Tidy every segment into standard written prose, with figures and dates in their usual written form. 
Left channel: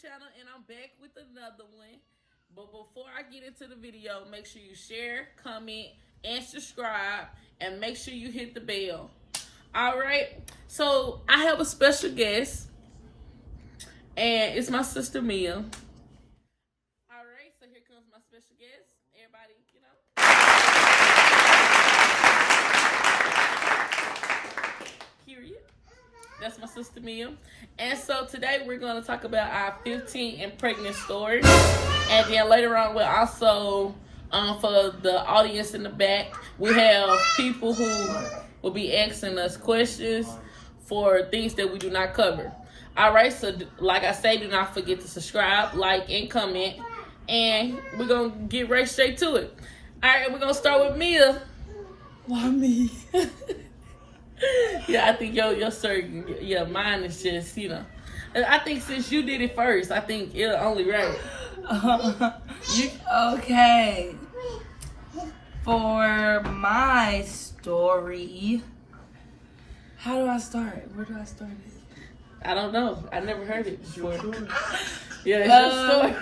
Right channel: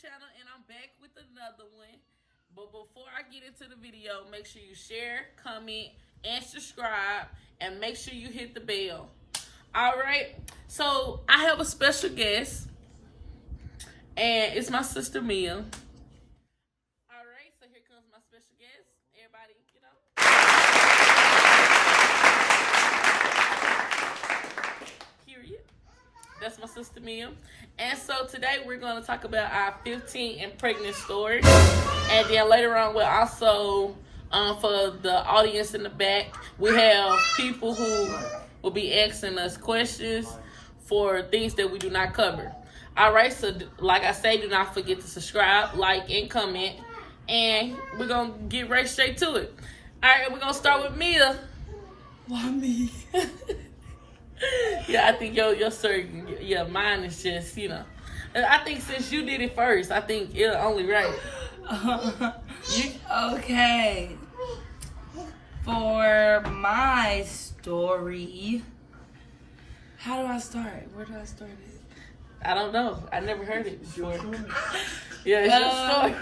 channel, and I'm back with another one. But before I get into the video, make sure you share, comment, and subscribe, and make sure you hit the bell. All right, so I have a special guest, and it's my sister Mia. All right, so here comes my special guest. Everybody, period. That's my sister Mia. And so today we're going to talk about our 15 and pregnant story. And then later on we'll also, for the audience in the back, we have people who will be asking us questions for things that we do not cover. All right, so like I say, do not forget to subscribe, like, and comment. And we're going to get right straight to it. All right, we're going to start with Mia. Why me? Yeah, I think your certain, mine is just, I think since you did it first, I think it's only right. Okay. For my story, how do I start? Where do I start it? I don't know. I never heard it before. Yeah, it's your story.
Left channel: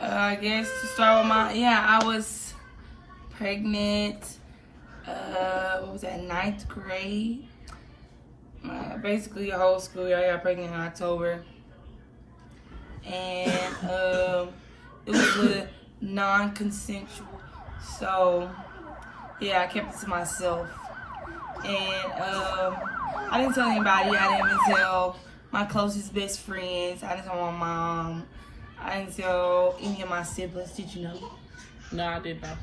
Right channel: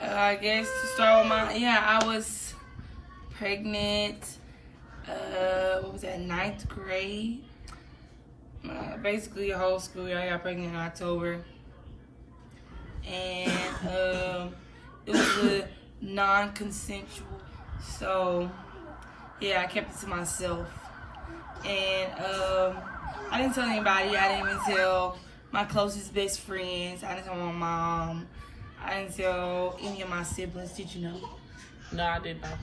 I guess to start with I was pregnant. What was that, 9th grade? Basically a whole school year. I got pregnant in October. And it was a non-consensual. So, yeah, I kept it to myself. And I didn't tell anybody. I didn't even tell my closest best friends. I didn't tell my mom. I didn't tell any of my siblings. Did you know? No, I didn't know.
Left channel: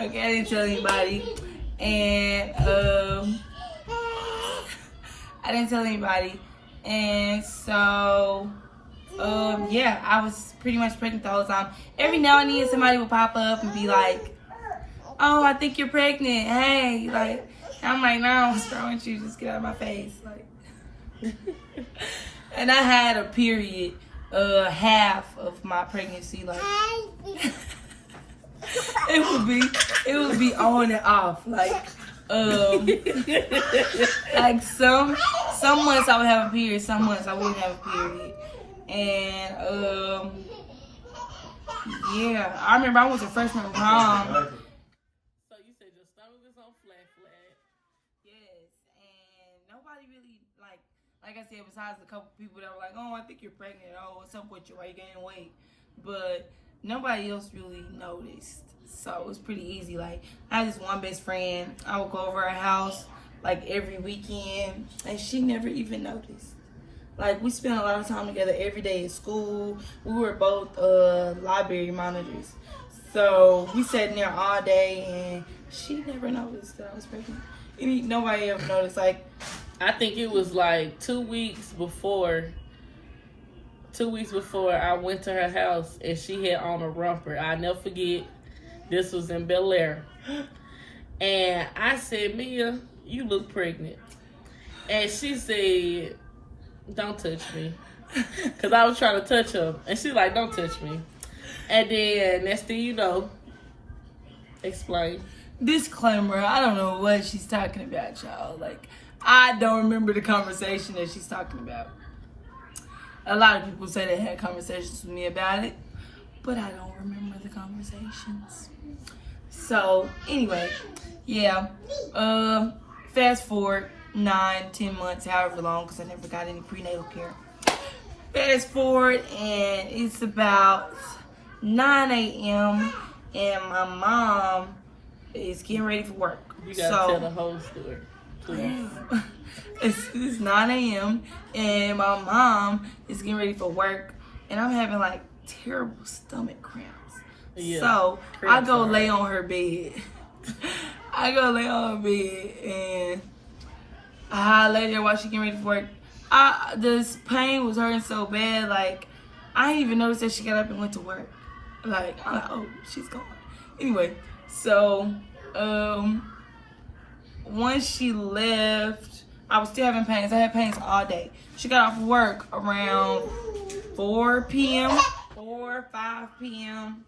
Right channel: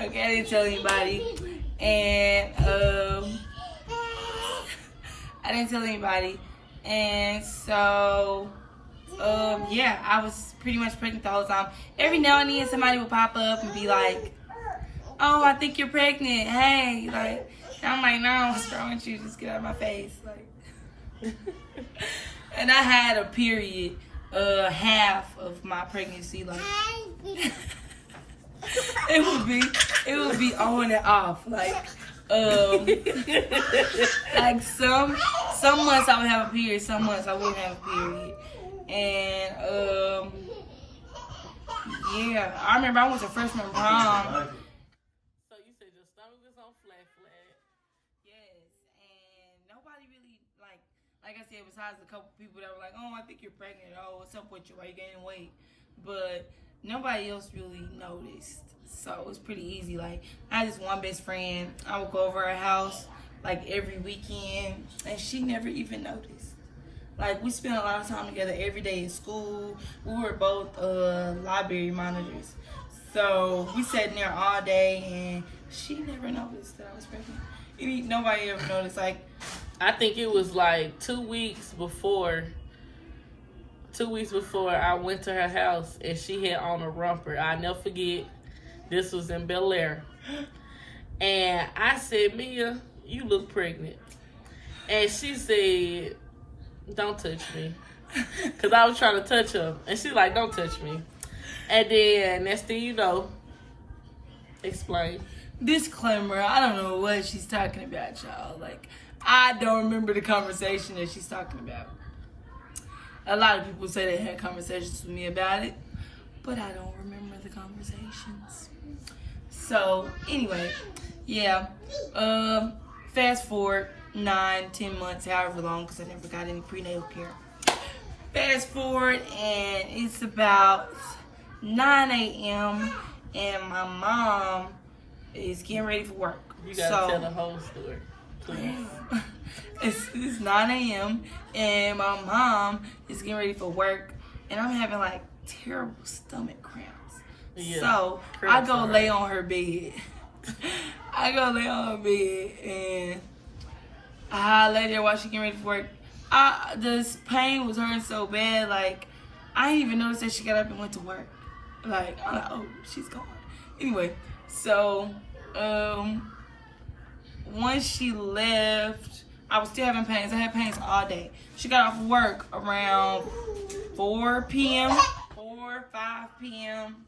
Okay, I didn't tell anybody. And I didn't tell anybody. And so, yeah, I was pretty much pregnant the whole time. Every now and then somebody would pop up and be like, "Oh, I think you're pregnant. Hey," like, and I'm like, "No, what's wrong with you? Just get out of my face." Like, and I had a period, half of my pregnancy, like, it would be on and off, like some months I would have a period, some months I wouldn't have a period. And yeah, I remember I was a freshman prom. So you said your stomach was on flat. Yes, and nobody really, like I said, besides a couple people that were like, "Oh, I think you're pregnant. Oh, what's up with you? Why you gaining weight?" But nobody else really noticed. So it was pretty easy. Like, I had this one best friend. I would go over her house like every weekend, and she never even noticed. Like, we spent a lot of time together every day at school. We were both library monitors. So we sat in there all day, and she never noticed that I was pregnant. Nobody ever noticed. Like, I think it was like 2 weeks before I went to her house, and she had on a romper. I'll never forget. This was in Bel Air. And I said, "Mia, you look pregnant." And she said, "Don't touch me." Because I was trying to touch her. And she's like, "Don't touch me." And then next thing you know, explain. Disclaimer, I don't know what she's talking about, y'all. Like, I don't remember the conversation that she's talking about. A lot of people say they had conversations with me about it, but I don't remember the conversations. So, anyway, yeah. Fast forward 9-10 months, however long, because I never got any prenatal care. Fast forward, and it's about 9 a.m., and my mom is getting ready for work. You gotta tell the whole story, please. It's 9 a.m., and my mom is getting ready for work, and I'm having like terrible stomach cramps. Yeah, so I go lay on her bed. And I lay there while she getting ready for work. This pain was hurting so bad, like, I didn't even notice that she got up and went to work. Like, I'm like, oh, she's gone. Anyway, so once she left, I was still having pains. I had pains all day. She got off work around 4 p.m., 5 p.m.,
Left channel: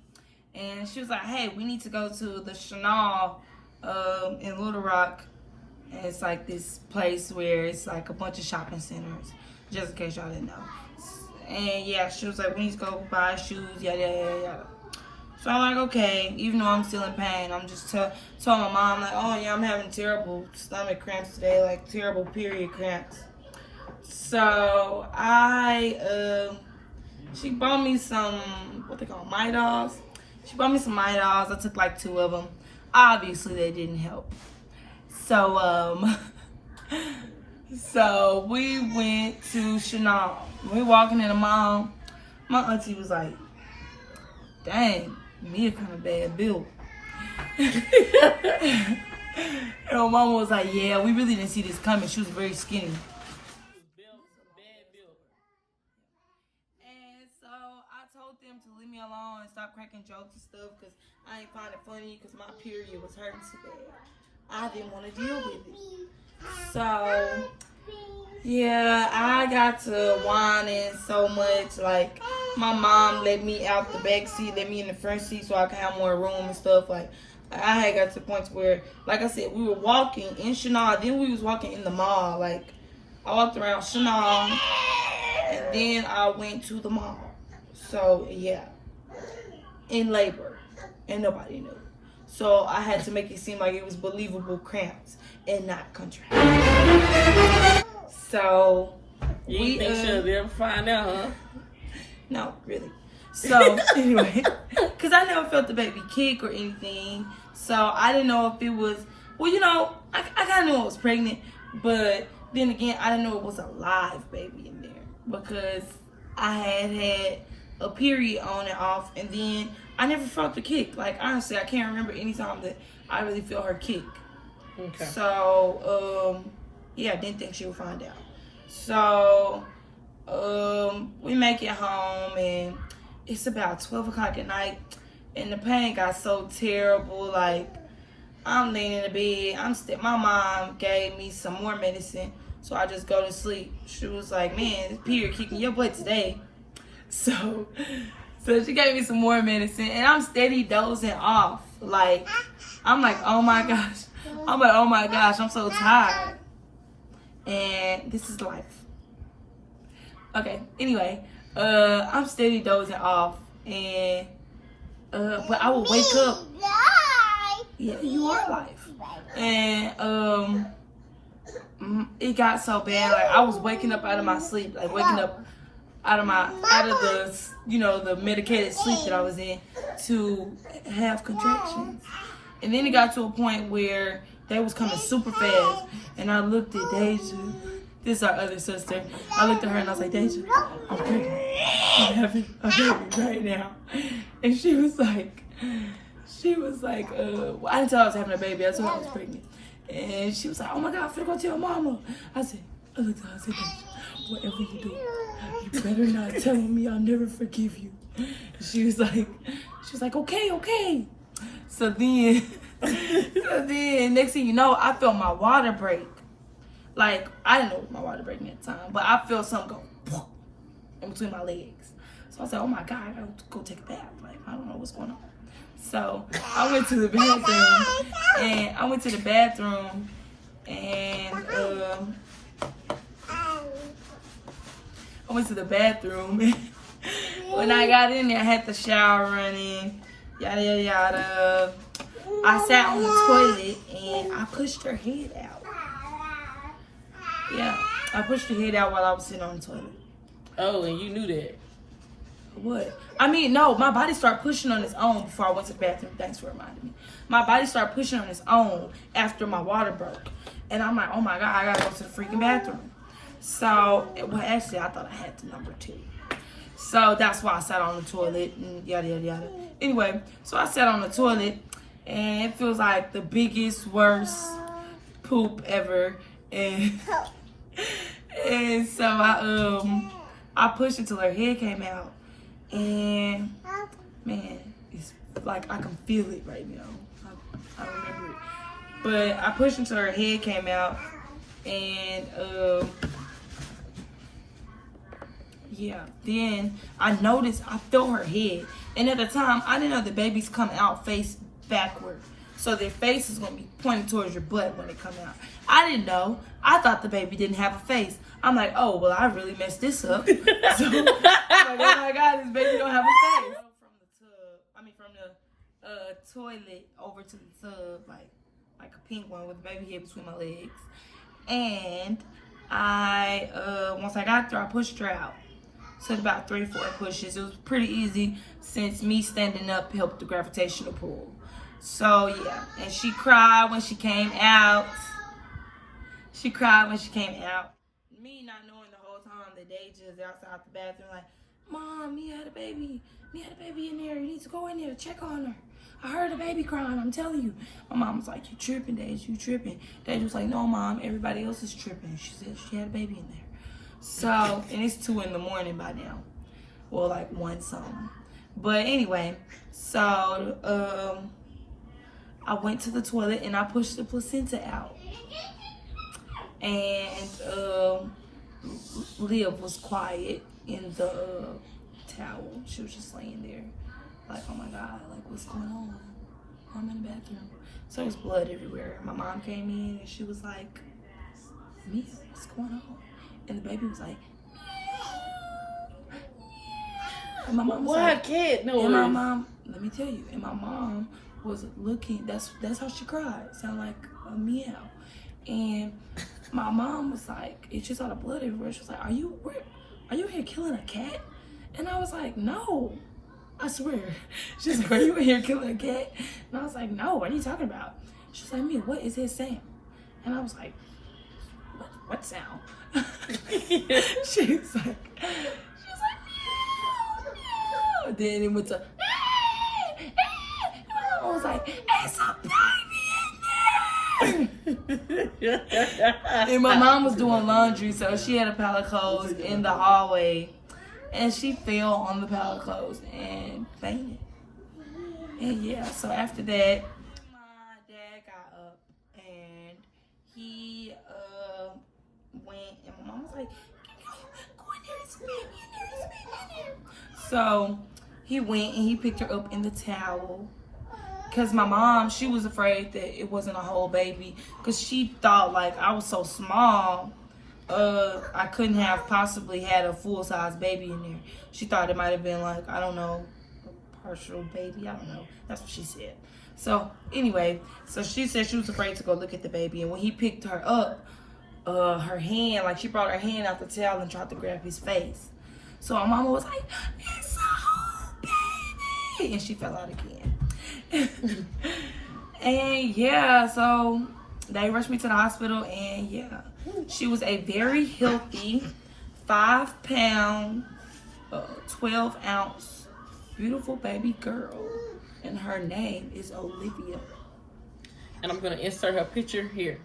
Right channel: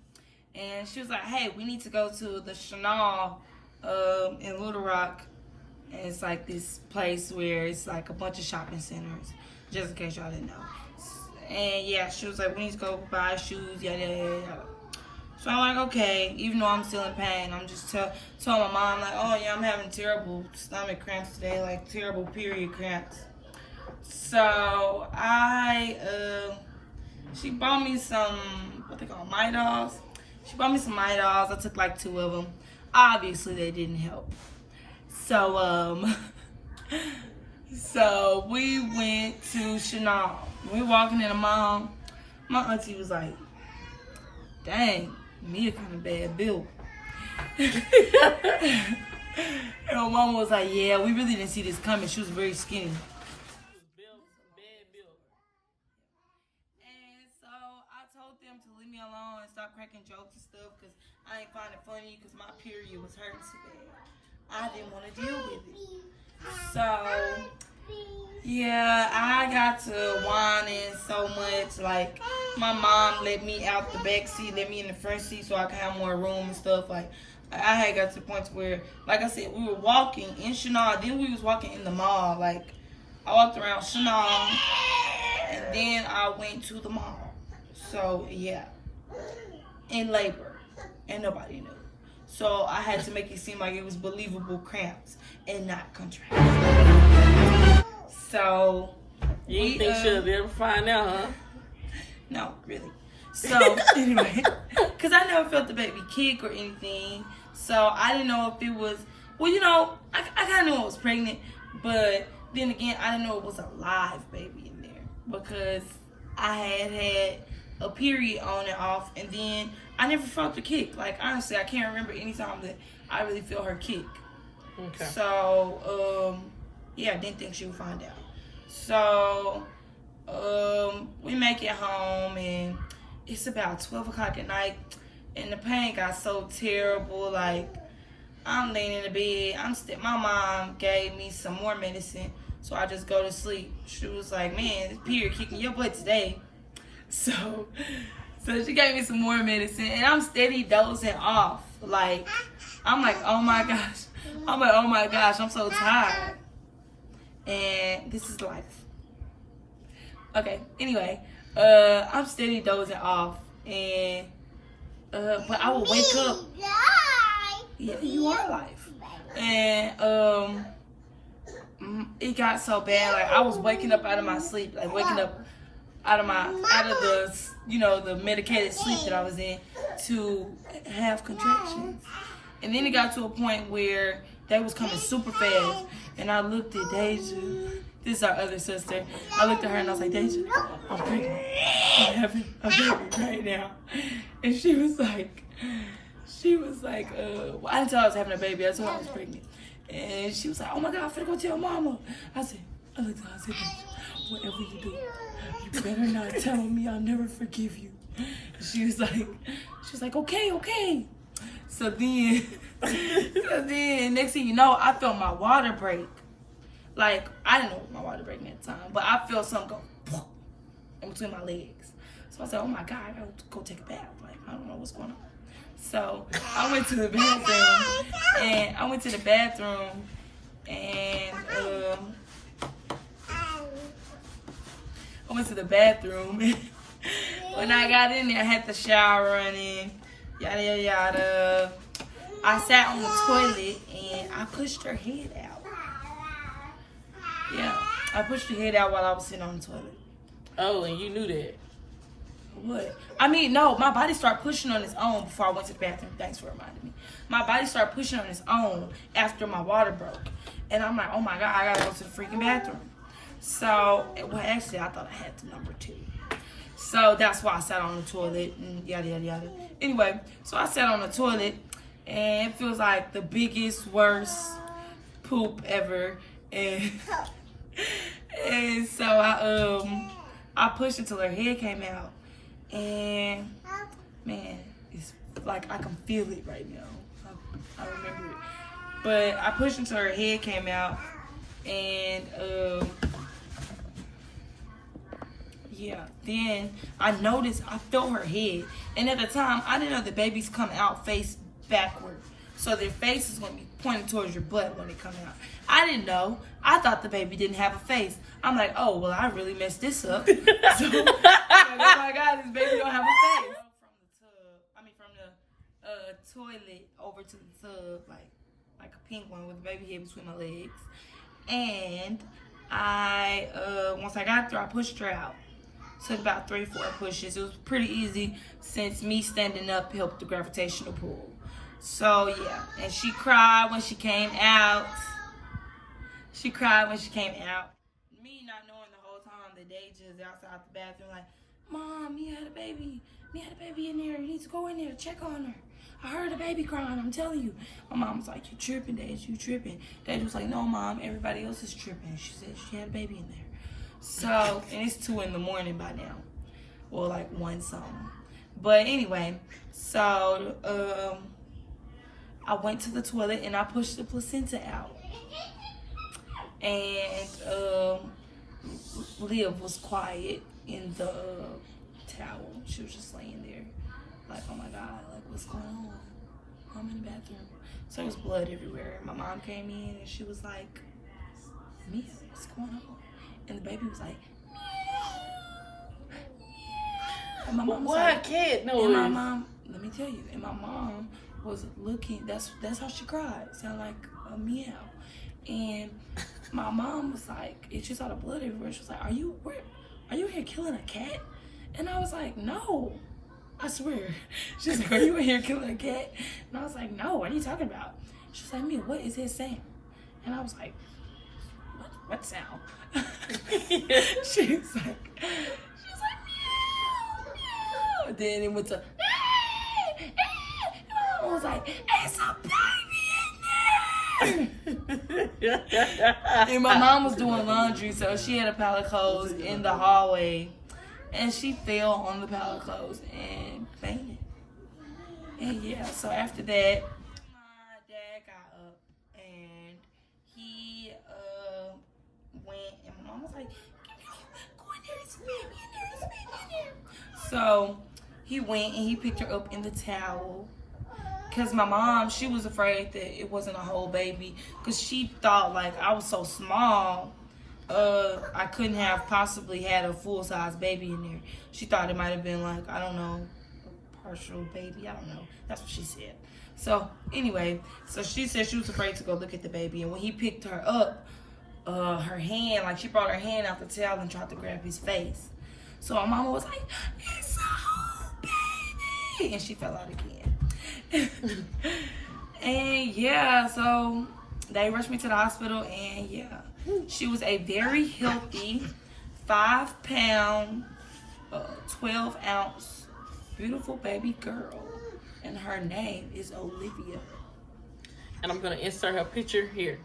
and she was like, "Hey, we need to go to the Chanel in Little Rock." And it's like this place where it's like a bunch of shopping centers, just in case y'all didn't know. And yeah, she was like, we need to go buy shoes, yada, yada, yada. So I'm like, okay, even though I'm still in pain, I'm just told my mom, like, oh yeah, I'm having terrible stomach cramps today, like terrible period cramps. So she bought me some, what they call Midols. She bought me some Midols. I took like 2 of them. Obviously, they didn't help. So, so we went to Chanel. We walking in the mall. My auntie was like, dang, Mia kind of bad built. And my mama was like, yeah, we really didn't see this coming. She was very skinny. And so I told them to leave me alone and stop cracking jokes and stuff because I ain't find it funny because my period was hurting so bad. I didn't want to deal with it. So, yeah, I got to whining so much. Like, my mom let me out the back seat, let me in the front seat so I could have more room and stuff. Like, I had got to the point where, like I said, we were walking in Chanel, then we was walking in the mall. Like, I walked around Chanel, and then I went to the mall. So, yeah, in labor, and nobody knew. So, I had to make it seem like it was believable cramps and not contractions. So, you think she'll ever find out, huh? No, really. So, anyway, because I never felt the baby kick or anything. So, I didn't know if it was, well, you know, I kind of knew I was pregnant. But then again, I didn't know it was a live baby in there. Because I had a period on and off. And then I never felt the kick. Like, honestly, I can't remember any time that I really felt her kick. Okay. So, yeah, I didn't think she would find out. So, we make it home, and it's about 12 o'clock at night, and the pain got so terrible. Like, I'm laying in the bed. My mom gave me some more medicine, so I just go to sleep. She was like, man, this period kicking your butt today. So she gave me some more medicine, and I'm steady dozing off. Like, I'm like, oh my gosh. I'm so tired. And this is life. Okay, anyway, I'm steady dozing off, and but I will wake up. Yeah, you are life. And it got so bad, like I was waking up out of my sleep, like waking up out of the, you know, the medicated sleep that I was in to have contractions. And then it got to a point where they was coming super fast, and I looked at Deja. This is our other sister. I looked at her and I was like, Deja, I'm pregnant. I'm having a baby right now. And she was like, well, I didn't tell her I was having a baby. I told her I was pregnant. And she was like, oh my God, I'm finna go tell mama. I looked at her, I said, Deja, whatever you do, you better not tell me. I'll never forgive you. And she was like, okay. So then next thing you know, I felt my water break. Like, I didn't know it was my water breaking at the time, but I felt something go in between my legs. So I said, oh my God, I gotta go take a bath. Like, I don't know what's going on. So I went to the bathroom, and when I got in there, I had the shower running, yada, yada, yada. I sat on the toilet, and I pushed her head out. Yeah, I pushed her head out while I was sitting on the toilet. Oh, and you knew that? What? I mean, no, my body started pushing on its own before I went to the bathroom. Thanks for reminding me. My body started pushing on its own after my water broke. And I'm like, oh my God, I gotta go to the freaking bathroom. So, well, actually, I thought I had the number 2. So that's why I sat on the toilet and yada, yada, yada. Anyway, so I sat on the toilet, and it feels like the biggest, worst poop ever. And so I pushed until her head came out, and man, it's like I can feel it right now. I remember it, but I pushed until her head came out, and yeah. Then I noticed I felt her head, and at the time I didn't know the babies come out face backward. So their face is going to be pointing towards your butt when they come out. I didn't know. I thought the baby didn't have a face. I'm like, oh, well, I really messed this up. So like, oh my God, this baby don't have a face. From the toilet over to the tub, like a pink one with a baby head between my legs. And I, once I got there, I pushed her out. Took about 3-4 pushes. It was pretty easy since me standing up helped the gravitational pull. So yeah, and she cried when she came out. Me not knowing the whole time that Deja is outside the bathroom like, Mom, Mia had a baby. Mia had a baby in there. You need to go in there, check on her. I heard a baby crying, I'm telling you. My mom was like, you tripping, Deja, you tripping. Deja was like, no, Mom, everybody else is tripping. She said she had a baby in there. So, and it's 2 in the morning by now. Well, like 1 something. But anyway, so I went to the toilet and I pushed the placenta out. And Liv was quiet in the towel. She was just laying there like, oh my God, like what's going on? I'm in the bathroom. So there was blood everywhere. My mom came in and she was like, Mia, what's going on? And the baby was like, and my mom was like, kid? No. And my mom, let me tell you, and my mom was looking, that's how she cried. Sounded like a meow. And my mom was like, and she saw the blood everywhere. She was like, are you here killing a cat? And I was like, no, I swear. She's like, are you in here killing a cat? And I was like, no, what are you talking about? She's like, Mia, what is his sound? And I was like, what sound? She was like, meow. Then it went to, I was like, it's a baby in there. And my mom was doing laundry, so she had a pile of clothes in the hallway, and she fell on the pile of clothes and fainted. And yeah, so after that, my dad got up and he went, and my mom was like, go in there, there's a baby in there, there's a baby in there. So he went and he picked her up in the towel. Because my mom, she was afraid that it wasn't a whole baby. Because she thought, like, I was so small, I couldn't have possibly had a full-size baby in there. She thought it might have been, like, I don't know, a partial baby. I don't know. That's what she said. So, anyway, so she said she was afraid to go look at the baby. And when he picked her up, her hand, like, she brought her hand out the towel and tried to grab his face. So my mama was like, it's a whole baby! And she fell out again. And yeah, so they rushed me to the hospital, and yeah, she was a very healthy 5-pound, 12-ounce beautiful baby girl, and her name is Olivia. And I'm gonna insert her picture here.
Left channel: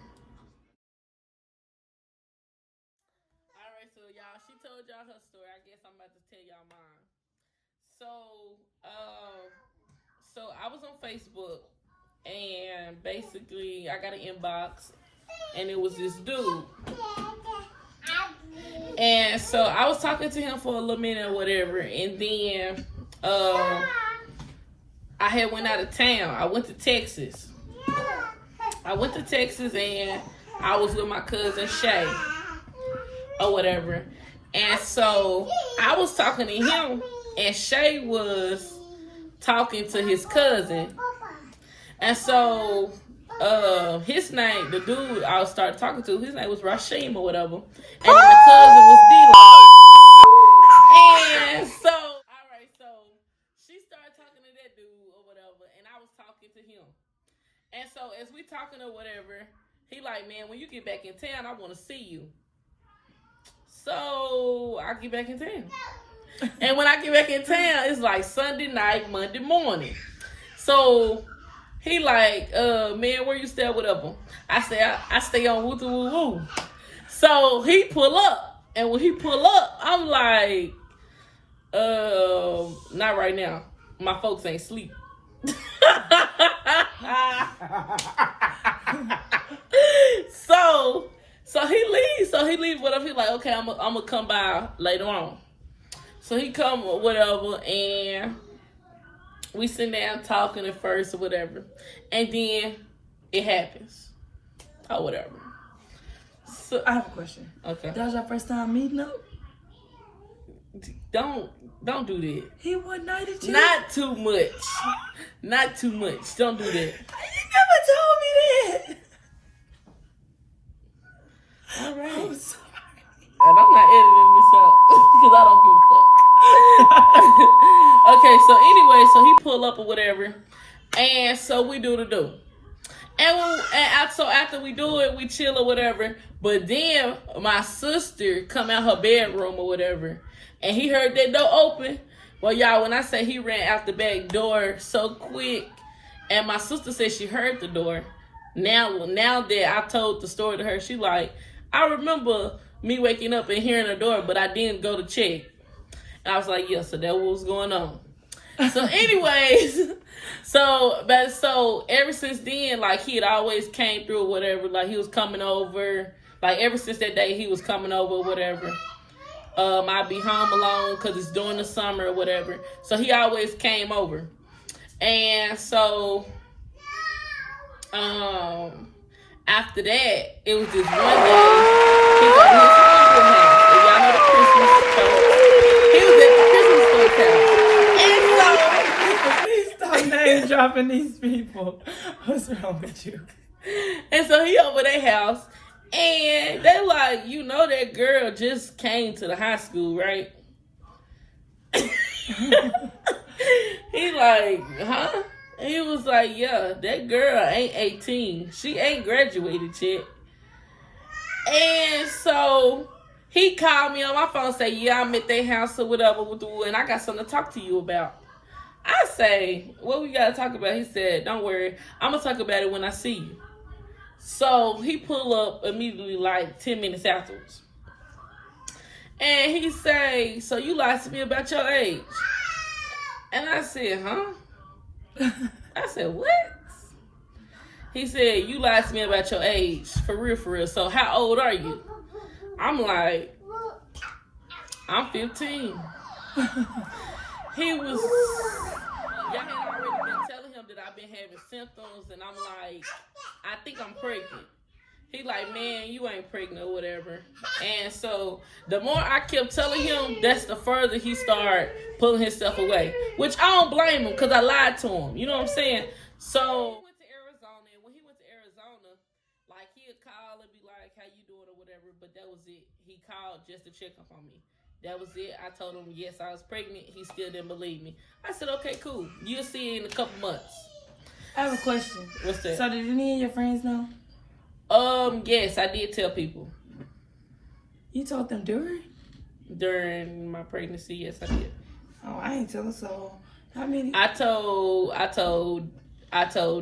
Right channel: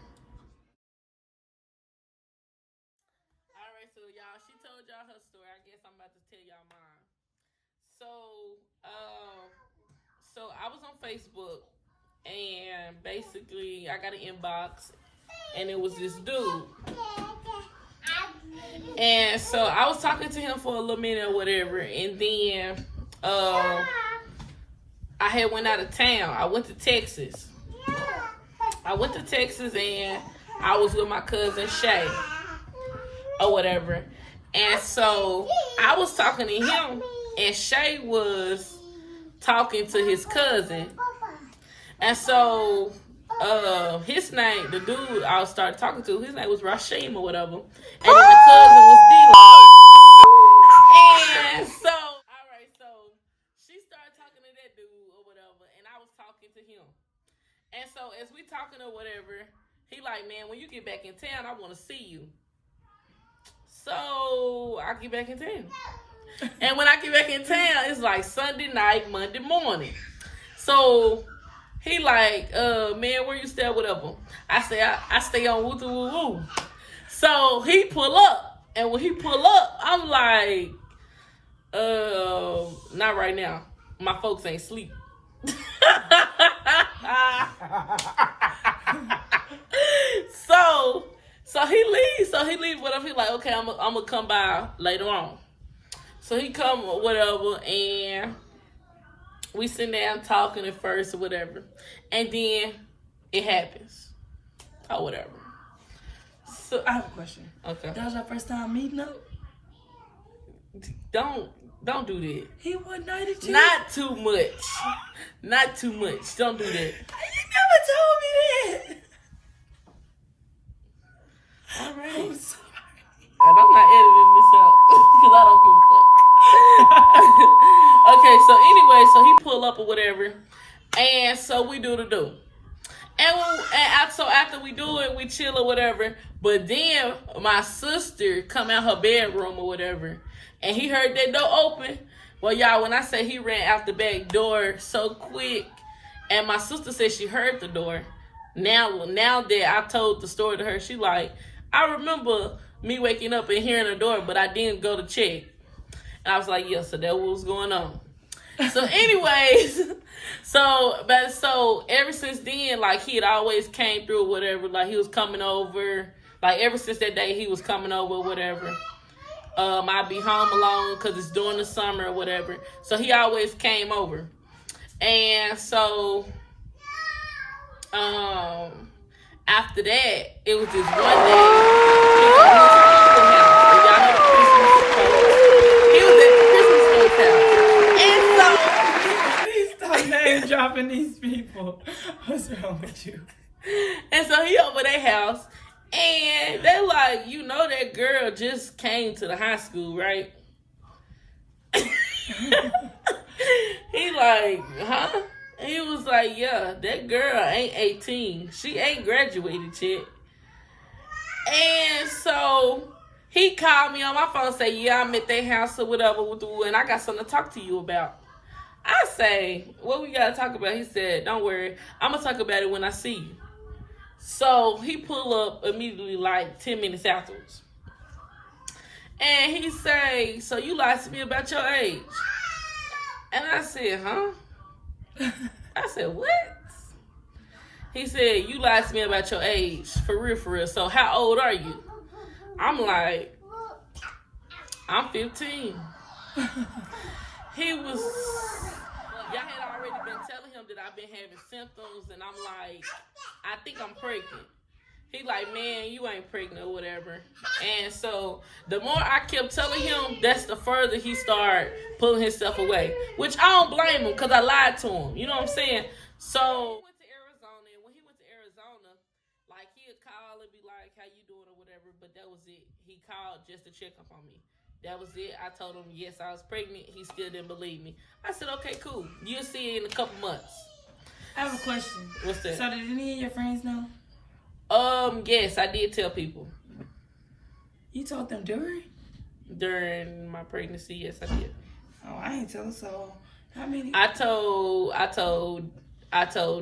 All right, so y'all, she told y'all her story. I guess I'm about to tell y'all mine. So I was on Facebook, and basically I got an inbox, and it was this dude. And so I was talking to him for a little minute or whatever, and then I had went out of town. I went to Texas. And I was with my cousin Shay or whatever. And so I was talking to him, and Shay was talking to his cousin. And so his name, the dude I started talking to, his name was Rashim or whatever. And my cousin was D-Lo. And so, all right, so she started talking to that dude or whatever, and I was talking to him. And so as we talking or whatever, he like, man, when you get back in town, I want to see you. So I get back in town. And when I get back in town, it's like Sunday night, Monday morning. So he like, man, where you stay, whatever. I say, I stay on Woo Woo Woo. So he pull up. And when he pull up, I'm like, not right now. My folks ain't sleep. So he leaves. Whatever. He like, okay, I'm gonna come by later on. So he come or whatever, and we sit down talking at first or whatever, and then it happens or whatever. So I have a question. Okay. That was your first time meeting up? Don't do that. He one nighted you? Not too much. Not too much. Don't do that. You never told me that. All right. I'm And sorry. I'm not editing this out because I don't give a fuck. Okay, so anyway, so he pull up or whatever, and so we do the do. So after we do it, we chill or whatever. But then my sister come out her bedroom or whatever, and he heard that door open. Well, y'all, when I say he ran out the back door so quick, and my sister said she heard the door. Now that I told the story to her, she like, I remember me waking up and hearing the door, but I didn't go to check. And I was like, yeah, so that was going on. So anyways, so ever since then, like he had always came through or whatever, like he was coming over, like ever since that day he was coming over or whatever. I'd be home alone because it's during the summer or whatever. So he always came over. And so after that, it was just one day. He was at his house. He was at the Christmas house. And so, Please stop name dropping these people. What's wrong with you? And so he over their house, and they like, you know, that girl just came to the high school, right? He like, huh? And he was like, yeah, that girl ain't 18. She ain't graduated yet. And so he called me on my phone and said, yeah, I'm at their house or whatever, and I got something to talk to you about. I say, what we got to talk about? He said, don't worry. I'm going to talk about it when I see you. So he pull up immediately like 10 minutes afterwards. And he say, so you lied to me about your age. And I said, huh? I said, what? He said, you lied to me about your age. For real, for real. So how old are you? I'm like, I'm 15. He was, y'all had already been telling him that I've been having symptoms, and I'm like, I think I'm pregnant. He like, man, you ain't pregnant or whatever. And so the more I kept telling him, that's the further he started pulling himself away. Which I don't blame him because I lied to him. You know what I'm saying? So he went to Arizona, and when he went to Arizona, like he'd call and be like, how you doing or whatever, but that was it. He called just to check up on me. That was it. I told him, yes, I was pregnant. He still didn't believe me. I said, okay, cool. You'll see it in a couple months. I have a question. What's that? So did any of your friends know? Yes, I did tell people. You told them During my pregnancy, yes, I did. Oh, I ain't telling. So how many? I told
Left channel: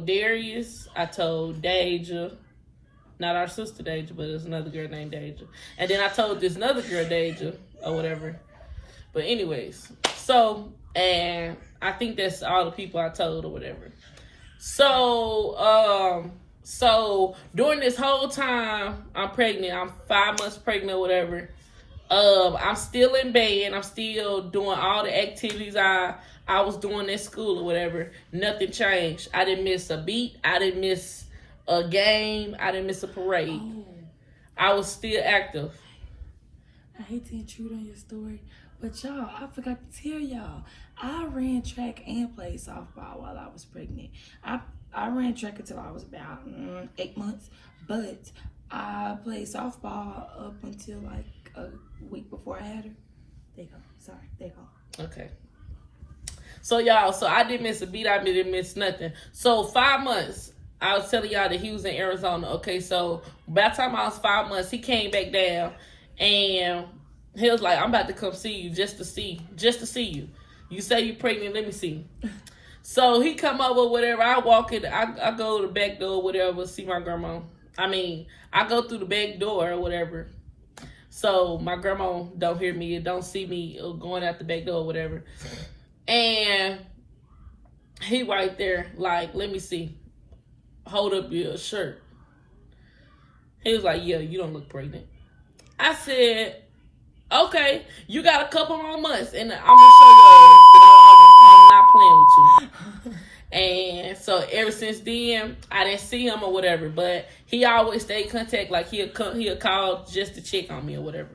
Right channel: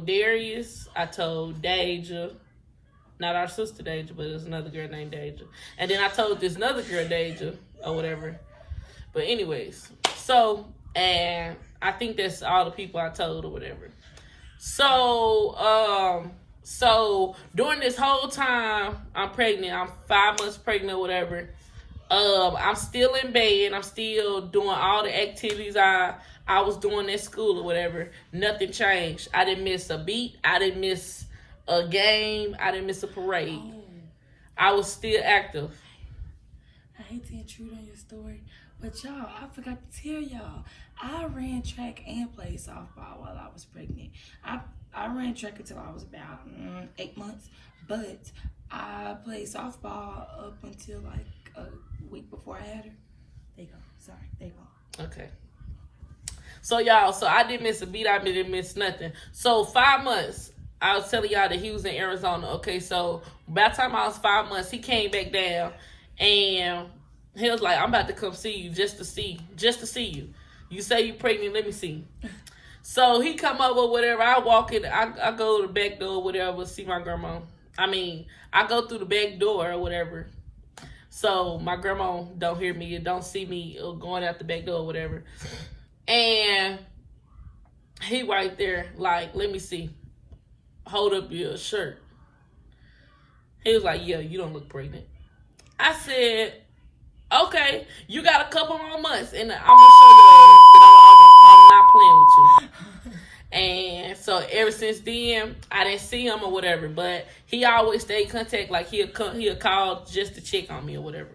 Darius. I told Deja. Not our sister Deja, but there's another girl named Deja. And then I told this other girl Deja or whatever. But anyways, so, and I think that's all the people I told or whatever. So, so during this whole time I'm pregnant, I'm 5 months pregnant or whatever. I'm still in bed. I'm still doing all the activities I was doing at school or whatever. Nothing changed. I didn't miss a beat. I didn't miss a game. I didn't miss a parade. Oh. I was still active. I hate to intrude on your story, but y'all, I forgot to tell y'all, I ran track and played softball while I was pregnant. I ran track until I was about 8 months, but I played softball up until like a week before I had her. There you go. Sorry, there you go. Okay. So y'all, so I didn't miss a beat. I didn't miss nothing. So 5 months, I was telling y'all that he was in Arizona. Okay, so by the time I was 5 months, he came back down, and he was like, I'm about to come see you just to see you. You say you pregnant, let me see you. So he come over, whatever. I walk in, I go to the back door, whatever, see my grandma. I go through the back door or whatever. So my grandma don't hear me or don't see me going out the back door or whatever. And he right there, like, let me see. Hold up your shirt. He was like, yeah, you don't look pregnant. I said, okay, you got a couple more months, and I'm gonna show you I'm not playing with you. And so ever since then, I didn't see him or whatever, but he always stayed in contact. Like he'll call just to check on me or whatever.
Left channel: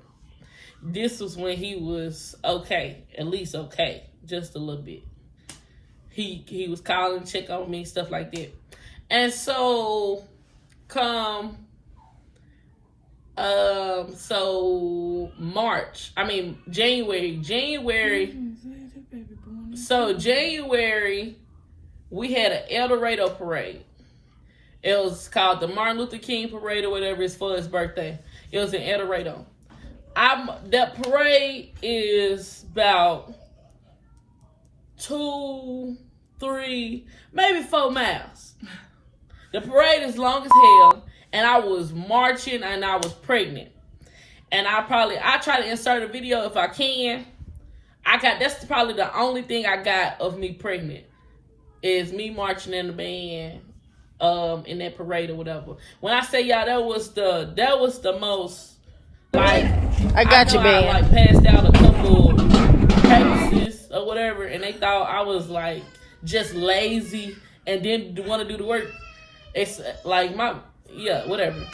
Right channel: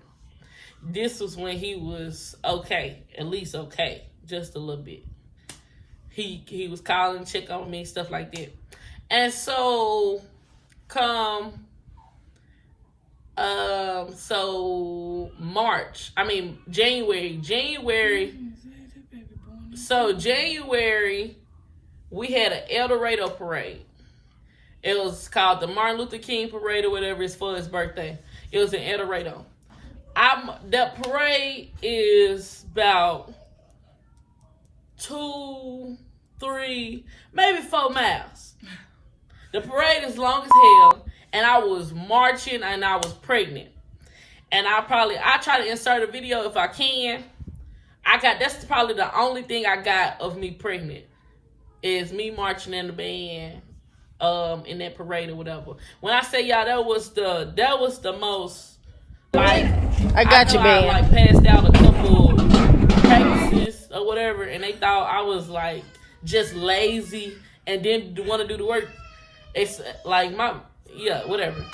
this was when he was okay, at least okay, just a little bit. He was calling, check on me, stuff like that. And so come January. So January, we had an El Dorado parade. It was called the Martin Luther King Parade or whatever. It's for his birthday. It was in El Dorado. That parade is about 2, 3, maybe 4 miles. The parade is long as hell, and I was marching and I was pregnant. And I try to insert a video if I can. That's probably the only thing I got of me pregnant is me marching in the band, in that parade or whatever. When I say y'all, that was the most. Like, I got you, man. I passed out a couple pages or whatever, and they thought I was like just lazy and didn't want to do the work. It's like whatever.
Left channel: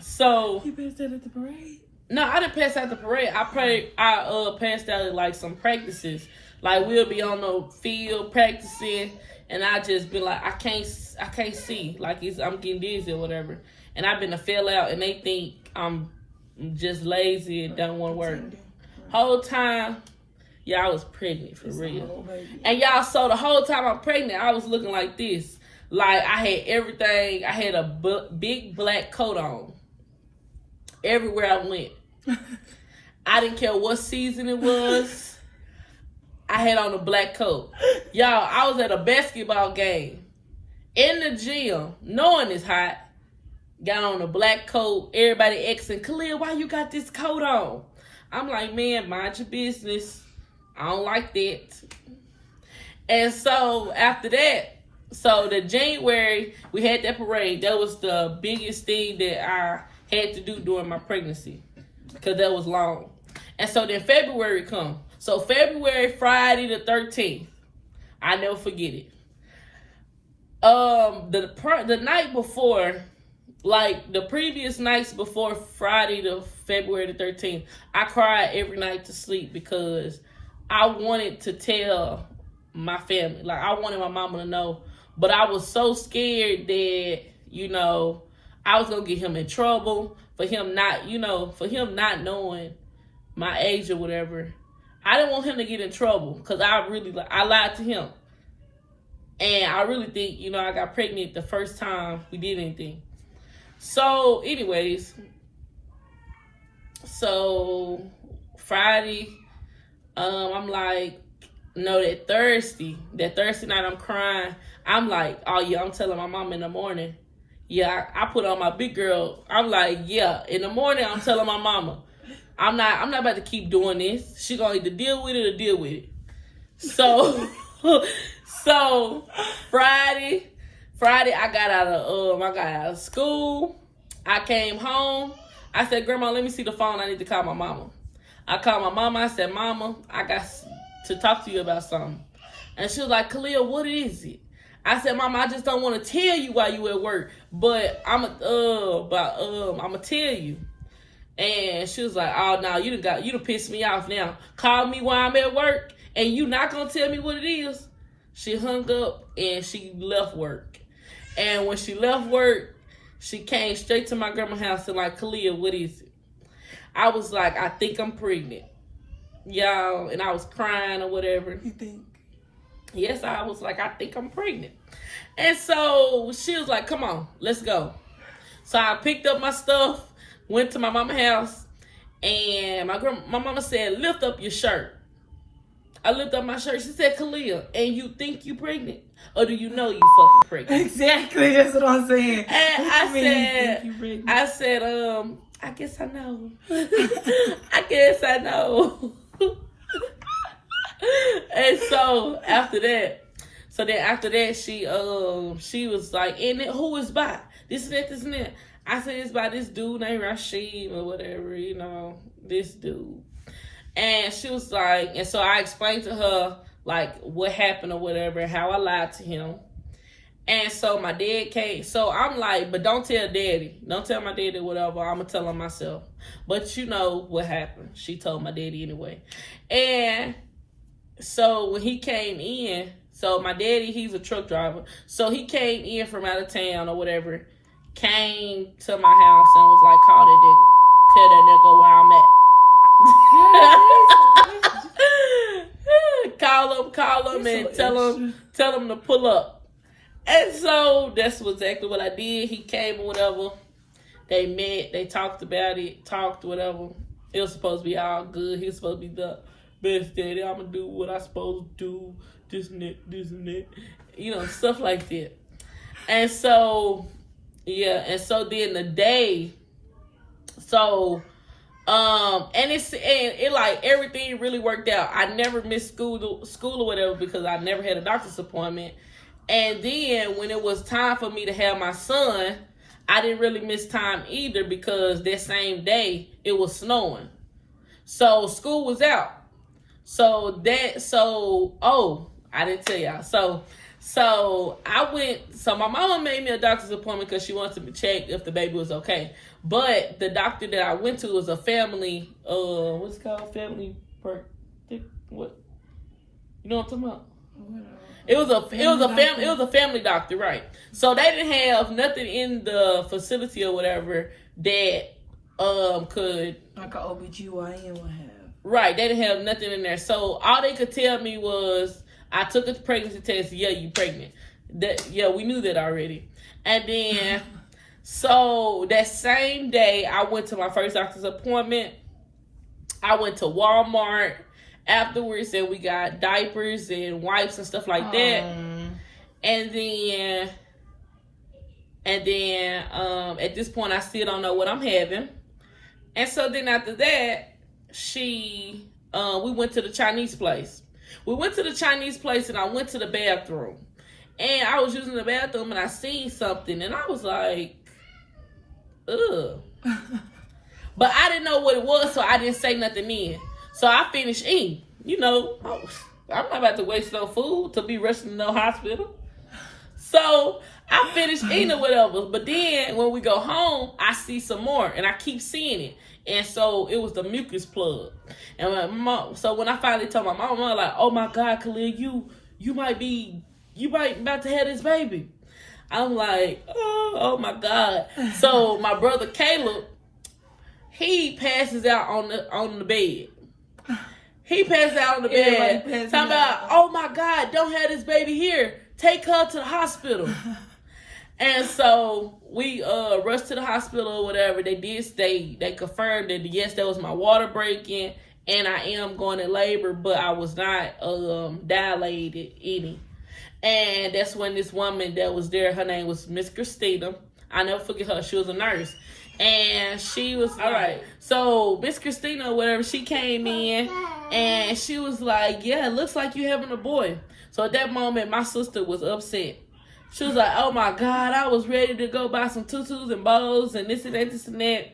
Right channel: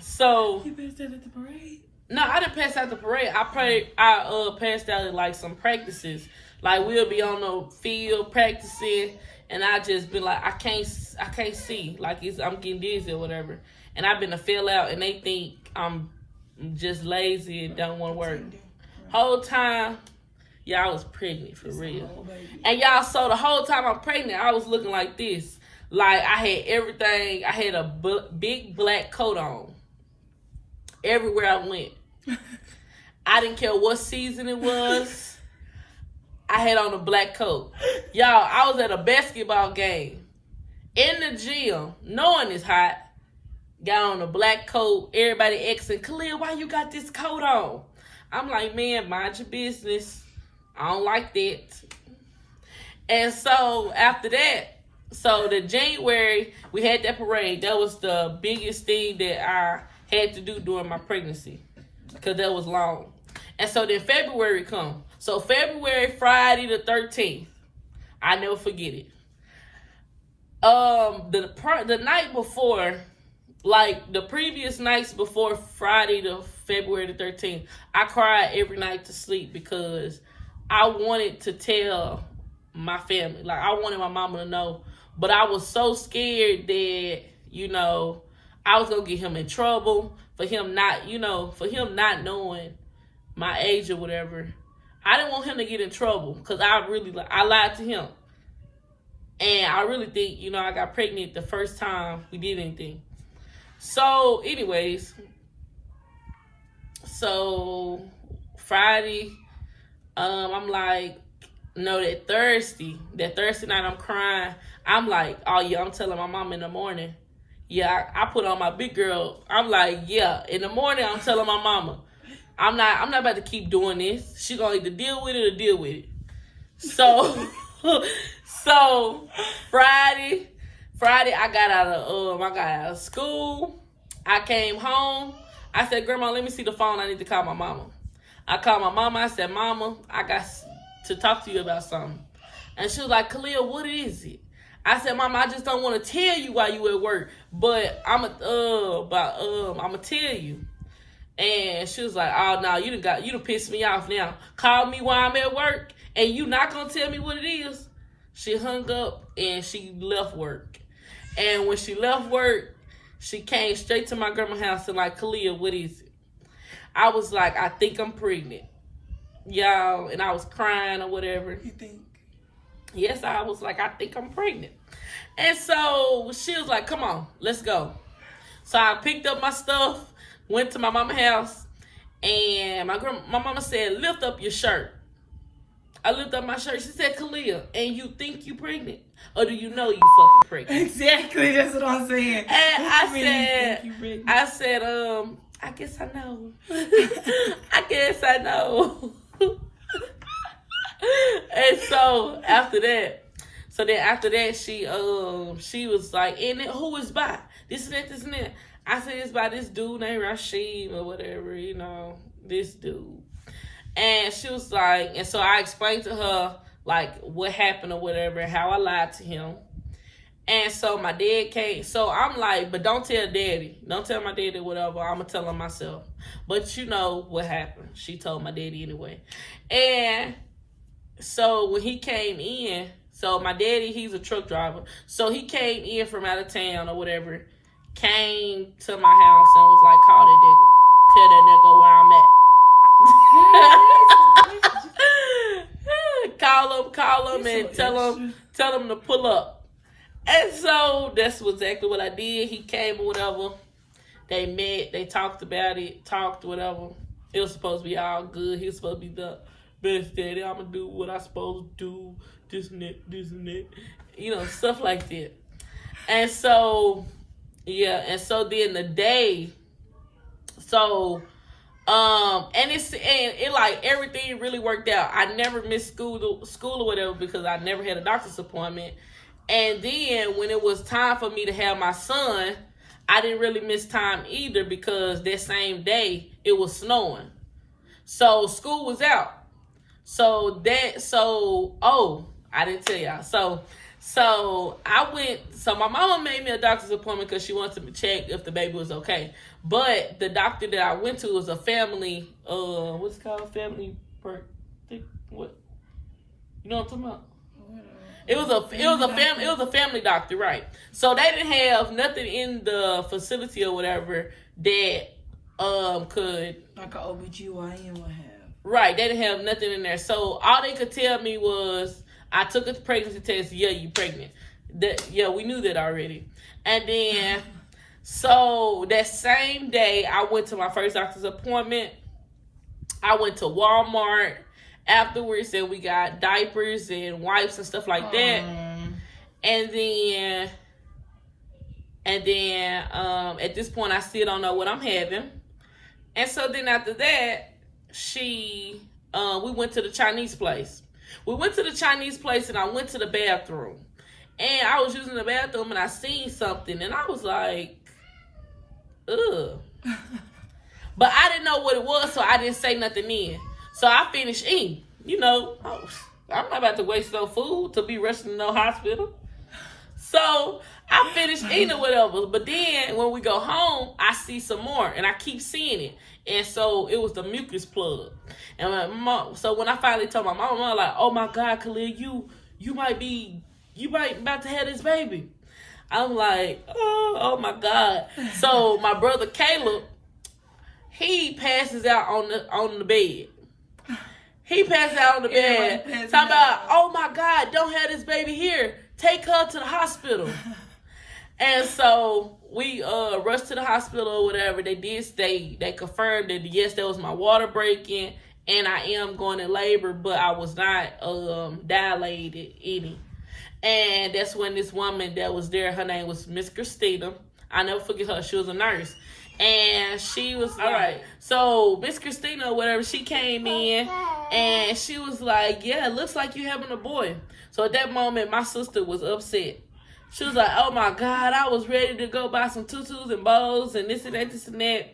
So You passed out at the parade? no, I didn't pass out the parade. I passed out at like some practices. Like we'll be on the field practicing, and I just been like, I can't see. Like I'm getting dizzy or whatever. And I've been to fail out, and they think I'm just lazy and don't want to work. Whole time, I was pregnant for real. And y'all, so the whole time I'm pregnant, I was looking like this. Like I had everything. I had a big black coat on. Everywhere I went. I didn't care what season it was. I had on a black coat. Y'all, I was at a basketball game. In the gym, knowing it's hot. Got on a black coat. Everybody asking, Khalil, why you got this coat on? I'm like, man, mind your business. I don't like that. And so after that, so the January, we had that parade. That was the biggest thing that I had to do during my pregnancy because that was long. And so then February come. So February, Friday the 13th. I never forget it. The night before, like the previous nights before Friday to February the 13th, I cried every night to sleep because I wanted to tell my family. Like I wanted my mama to know. But I was so scared that, I was gonna get him in trouble for him not knowing my age or whatever. I didn't want him to get in trouble because I lied to him. And I really think, I got pregnant the first time we did anything. So, anyways, Friday, I'm like, no, that Thursday night I'm crying. I'm like, oh yeah, I'm telling my mom in the morning. Yeah, I put on my big girl. I'm like, yeah, in the morning I'm telling my mama. I'm not about to keep doing this. She gonna either deal with it or deal with it. So Friday I got out of school. I came home. I said, Grandma, let me see the phone. I need to call my mama. I called my mama. I said, Mama, I got to talk to you about something. And she was like, Khalil, what is it? I said, Mama, I just don't want to tell you while you at work, but I'ma tell you. And she was like, oh no, you done pissed me off now. Call me while I'm at work and you not gonna tell me what it is. She hung up and she left work. And when she left work, she came straight to my grandma's house and like, Khalil, what is it? I was like, I think I'm pregnant. Y'all, and I was crying or whatever. You think? Yes, I was like, I think I'm pregnant. And so she was like, come on, let's go. So I picked up my stuff, went to my mama's house, and my mama said, lift up your shirt. I lifted up my shirt. She said, Khalil, and you think you pregnant? Or do you know you fucking pregnant? Exactly, that's what I'm saying. And I said, I guess I know. I guess I know. And so after that, she was like, and then who is by? This and that. I said, it's by this dude named Rashid or whatever, this dude. And she was like, and so I explained to her like what happened or whatever and how I lied to him. And so my dad came. So I'm like, but don't tell daddy. Don't tell my daddy whatever. I'm going to tell him myself. But you know what happened. She told my daddy anyway. And so when he came in, so my daddy, he's a truck driver. So he came in from out of town or whatever, came to my house and was like, call that nigga. Tell that nigga where I'm at. Call him and tell him to pull up. And so that's exactly what I did. He came or whatever. They met. They talked about it. Talked whatever. It was supposed to be all good. He was supposed to be the best daddy. I'm going to do what I'm supposed to do. This and that, this and that. You know, stuff like that. And so, yeah. And so then the day. So, and it like everything really worked out. I never missed school or whatever because I never had a doctor's appointment. And then when it was time for me to have my son, I didn't really miss time either because that same day it was snowing. So school was out. I didn't tell y'all. So I went, so my mama made me a doctor's appointment because she wanted to check if the baby was okay. But the doctor that I went to was a family, what's it called? Family, what? You know what I'm talking about? It was a family doctor, right? So they didn't have nothing in the facility or whatever that could like an OBGYN would have. Right, they didn't have nothing in there. So all they could tell me was I took a pregnancy test. Yeah, you pregnant. We knew that already. And then so that same day I went to my first doctor's appointment. I went to Walmart afterwards and we got diapers and wipes and stuff like that. And then at this point I still don't know what I'm having. And so then after that, we went to the Chinese place. We went to the Chinese place and I went to the bathroom. And I was using the bathroom and I seen something and I was like, ugh. But I didn't know what it was, so I didn't say nothing then. So I finished eating. You know, I'm not about to waste no food to be rushing to no hospital. So I finished eating or whatever. But then when we go home, I see some more and I keep seeing it. And so it was the mucus plug. And my mom, so when I finally told my mom, I was like, oh my God, Khalil, you might about to have this baby. I'm like, oh my God. So my brother Caleb, he passes out on the bed. He passed out on the bed. Talking about, oh my God, don't have this baby here. Take her to the hospital. And so we rushed to the hospital or whatever. They confirmed that yes, that was my water breaking and I am going in labor, but I was not dilated any. And that's when this woman that was there, her name was Miss Christina. I never forget her. She was a nurse. And she was, all right. So Miss Christina or whatever, she came in and she was like, yeah, it looks like you're having a boy. So at that moment, my sister was upset. She was like, oh my God, I was ready to go buy some tutus and bows and this and that, this and that.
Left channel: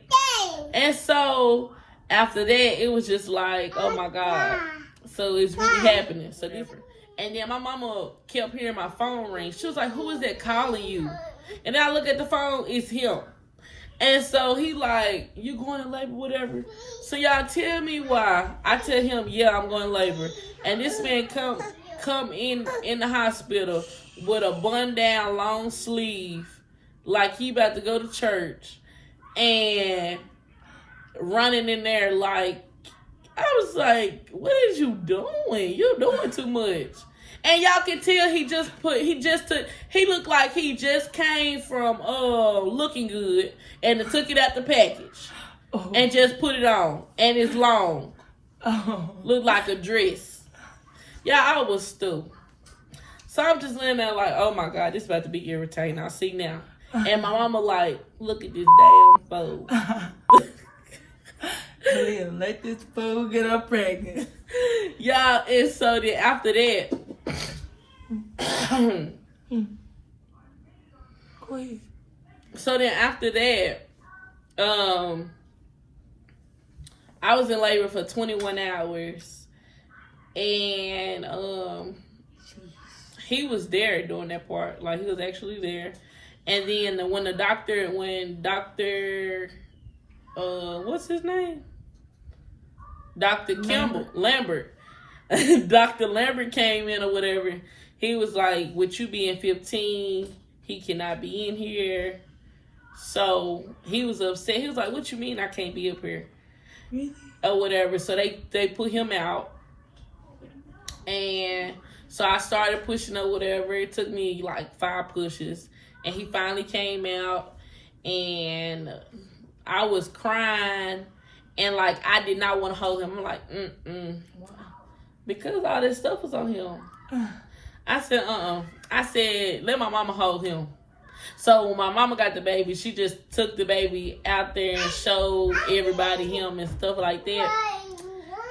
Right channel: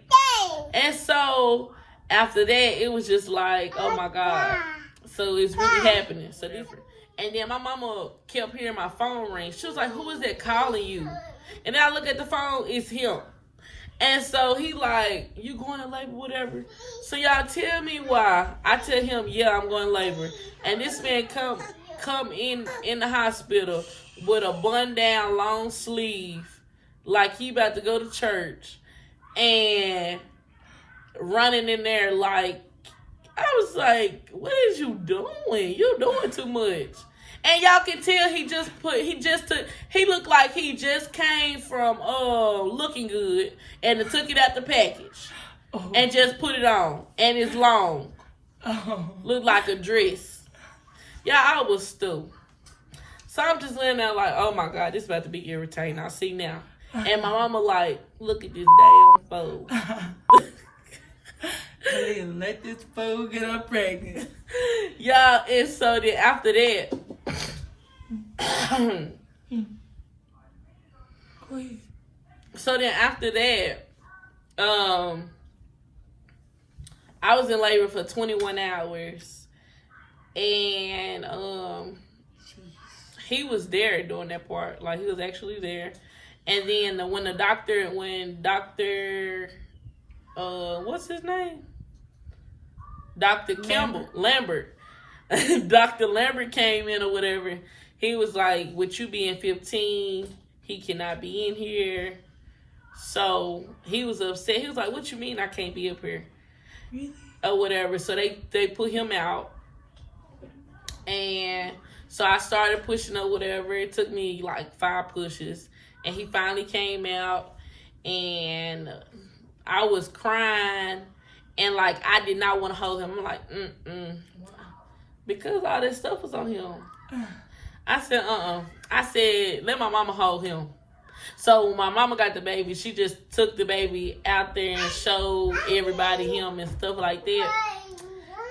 And so after that, it was just like, oh my God. So it's really happening. So different. And then my mama kept hearing my phone ring. She was like, who is that calling you? And then I look at the phone, it's him. And so he like, you going to labor, whatever. So y'all tell me why. I tell him, yeah, I'm going to labor. And this man come in the hospital with a bun down long sleeve, like he about to go to church, and running in there like, I was like, what is you doing? You doing too much. And y'all can tell he looked like he just came from Looking Good and took it out the package and just put it on. And it's long. Looked like a dress. Yeah, I was stupid. So I'm just laying there like, oh my God, this is about to be irritating. I see now. And my mama like, look at this damn fool. Let this fool get her pregnant. Yeah, and so then after that, so then after that, I was in labor for 21 hours, and he was there doing that part. Like, he was actually there. And then when Dr. What's his name? Dr. Campbell Lambert. Dr. Lambert came in or whatever. He was like, with you being 15, he cannot be in here. So he was upset. He was like, what you mean I can't be up here? Really? Or whatever. So they put him out. And so I started pushing or whatever. It took me like 5 pushes. And he finally came out. And I was crying. And like, I did not want to hold him. I'm like, because all this stuff was on him. I said, I said, let my mama hold him. So when my mama got the baby, she just took the baby out there and showed everybody him and stuff like that.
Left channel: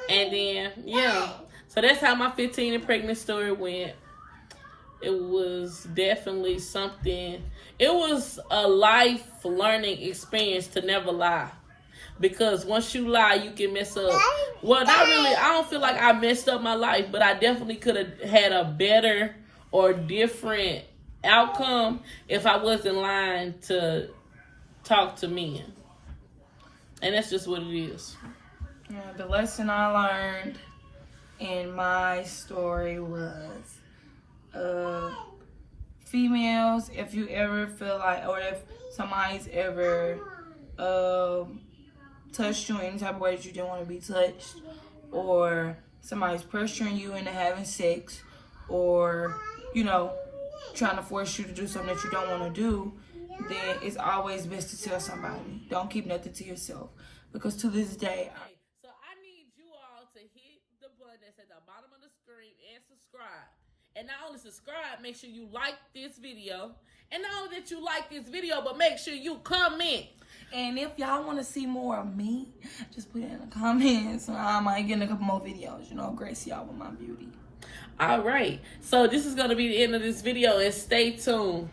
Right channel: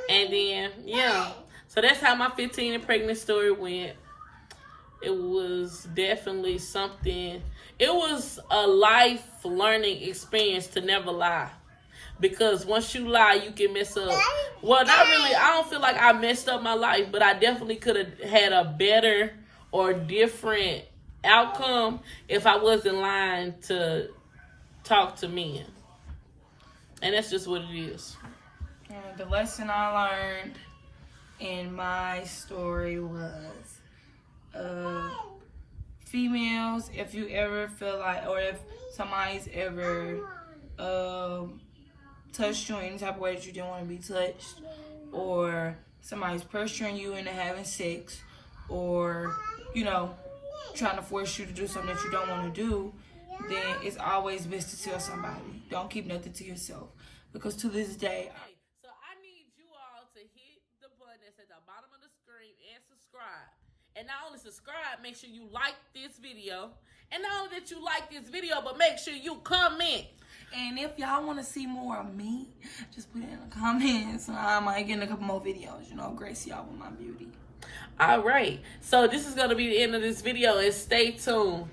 And then, yeah. So that's how my 15 and pregnant story went. It was definitely something. It was a life learning experience to never lie. Because once you lie, you can mess up. Well, not really. I don't feel like I messed up my life, but I definitely could have had a better or different outcome if I wasn't lying to talk to men. And that's just what it is. The lesson I learned in my story was females, if you ever feel like, or if somebody's ever touched you in any type of way that you didn't want to be touched, or somebody's pressuring you into having sex, or, you know, trying to force you to do something that you don't want to do, then it's always best to tell somebody. Don't keep nothing to yourself. Because to this day, so I need you all to hit the button that's at the bottom of the screen and subscribe. And not only subscribe, make sure you like this video. And not only that you like this video, but make sure you comment. And if y'all want to see more of me, just put it in the comments. I might get in a couple more videos, you know, grace y'all with my beauty. All right. So this is going to be the end of this video, and stay tuned.